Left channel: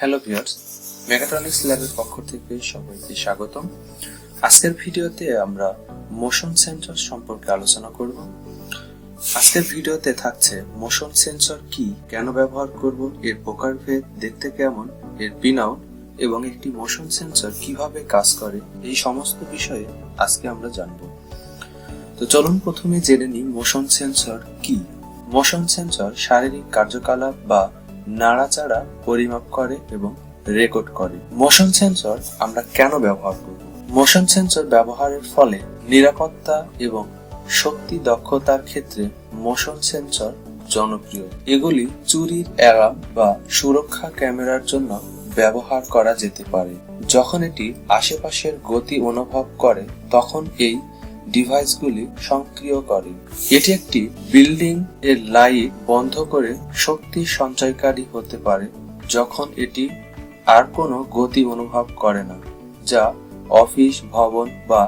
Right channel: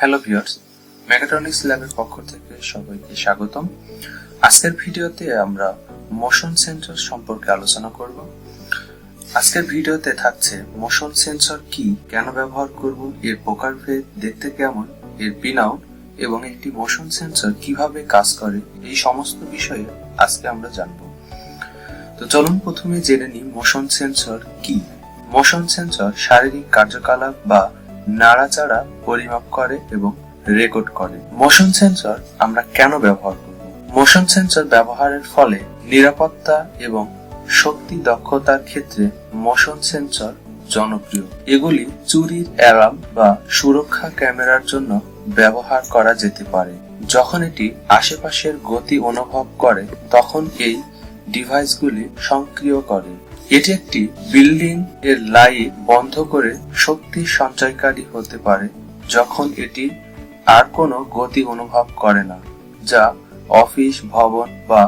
Hello viewers, mechatronics ল্যাবের পক্ষ থেকে সবাইকে স্বাগতম। আজকের ভিডিওতে আমরা মোশন সেন্সর সম্পর্কে আলোচনা করব। আজকের ভিডিওতে থাকছে মোশন সেন্সর কি, কেন ব্যবহার করব, এর প্রকারভেদ, দেখতে কেমন, এর পিন আউট এবং একটি মোশন সেন্সর কিভাবে কাজ করে, এই সমস্ত বিষয়ে আজকে আমরা জানব। তো চলুন প্রথমে জেনে নিই মোশন সেন্সর কি। মোশন সেন্সর শারীরিক কার্যকলাপ বা নাড়াচাড়া পরিমাপ করে এবং রেকর্ড করে। মোশন সেন্সর আমরা কেন ব্যবহার করব? মোশন সেন্সর ব্যবহারের ফলে নিরাপত্তা এবং শক্তি দক্ষতার ক্ষেত্রে মোশন সেন্সর জনপ্রিয়। এগুলি চুরির অ্যালার্ম বা সুরক্ষা ক্যামেরার জন্য ব্যবহার করা যেতে পারে। যখন এটি আশেপাশের গতি অনুভব করে তখন এই ডিভাইসগুলি সক্রিয় করে। এটি একটি বিল্ডিং এর লাইট বন্ধ করে শক্তি সঞ্চয়কারী হতে পারে যখন এটি আর কোনো গতি অনুভব করে না, যা অফিস, ভবন বা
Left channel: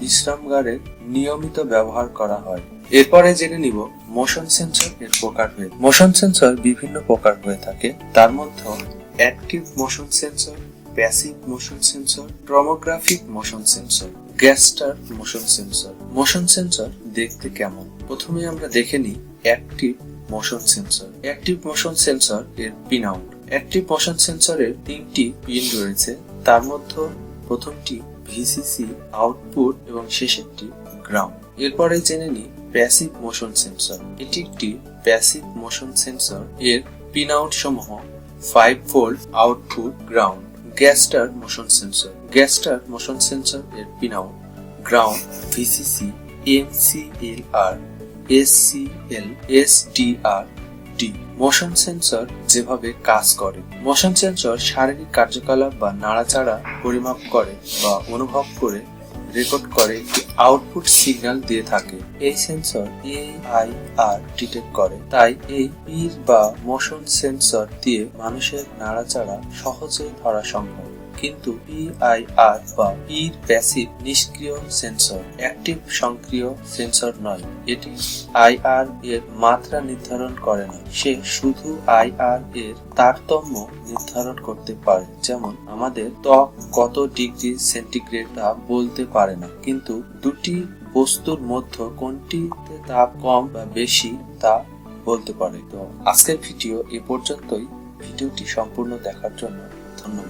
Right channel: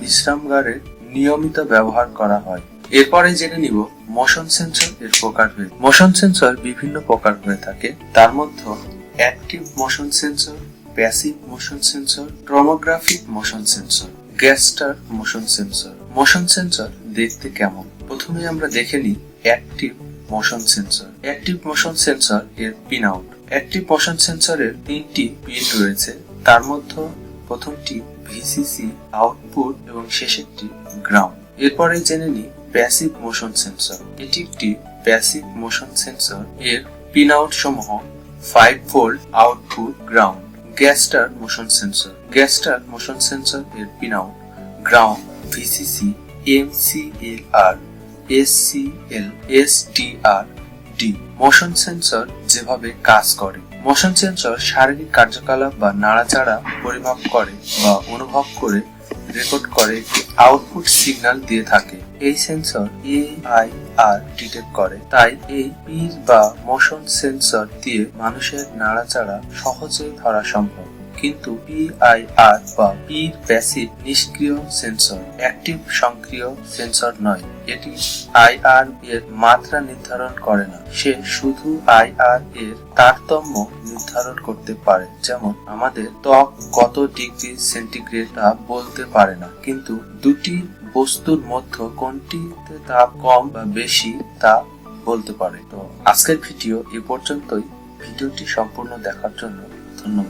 বিশ্রামাগারে নিয়মিত ব্যবহার করা হয়। এরপরে জেনে নিব মোশন সেন্সর এর প্রকারভেদ। মোশন সেন্সর বিভিন্ন প্রকার হয়ে থাকে, তার মধ্যে active motion sensor, passive motion sensor, tomographic motion sensor, gesture motion sensor. Motion sensor দেখতে কেমন? প্রথমে আমরা দেখে নিই active motion sensor. Active motion sensor এর পিন আউট। অ্যাক্টিভ মোশন সেন্সরের 3টি পিন রয়েছে, তার মধ্যে প্রথমটি ভিসিসি আউটপুট এবং শেষেরটি গ্রাউন্ড। এরপরে জেনে নিই প্যাসিভ মোশন সেন্সর। এটি একটি প্যাসিভ মোশন সেন্সর। এর পিন আউট সমূহ 5 volt output, ground. Gesture motion sensor. Gesture motion sensor এর pin out ground, VCC, MCLR, SCL, SDR, D. Motion sensor যেভাবে কাজ করে। মোশন সেন্সর শারীরিক কার্যকলাপ বা নাড়াচাড়া পরিমাপ করে বা অনুভব করে রেকর্ড করে একটি আউটপুট সিগন্যাল দিয়ে থাকে। এই সেন্সর এআইআর ডিটেক্ট করে, তাই এই পির বা মোশন সেন্সর দিয়ে মানুষের নাড়াচাড়া সহজে ধরা সম্ভব। কিন্তু পিআইআর বা পির প্যাসিভ নিষ্ক্রিয় সেন্সর, অ্যাক্টিভ সক্রিয় সেন্সর নয়। এটি আইআর এর মাত্রা নির্ধারণ করে না, সে শুধু আইআর এর তারতম্য নির্ধারণ করতে পারে। যেমন আমাদের ত্বক কত ডিগ্রি সেন্টিগ্রেড তা বলতে পারে না, কিন্তু দুটি বস্তুর মধ্যে কোনটিতে তাপ কম বা বেশি তা বলতে পারে। তো আজকের ভিডিও এ পর্যন্তই। ভিডিওটি সম্পূর্ণ দেখার জন্য ধন্যবাদ।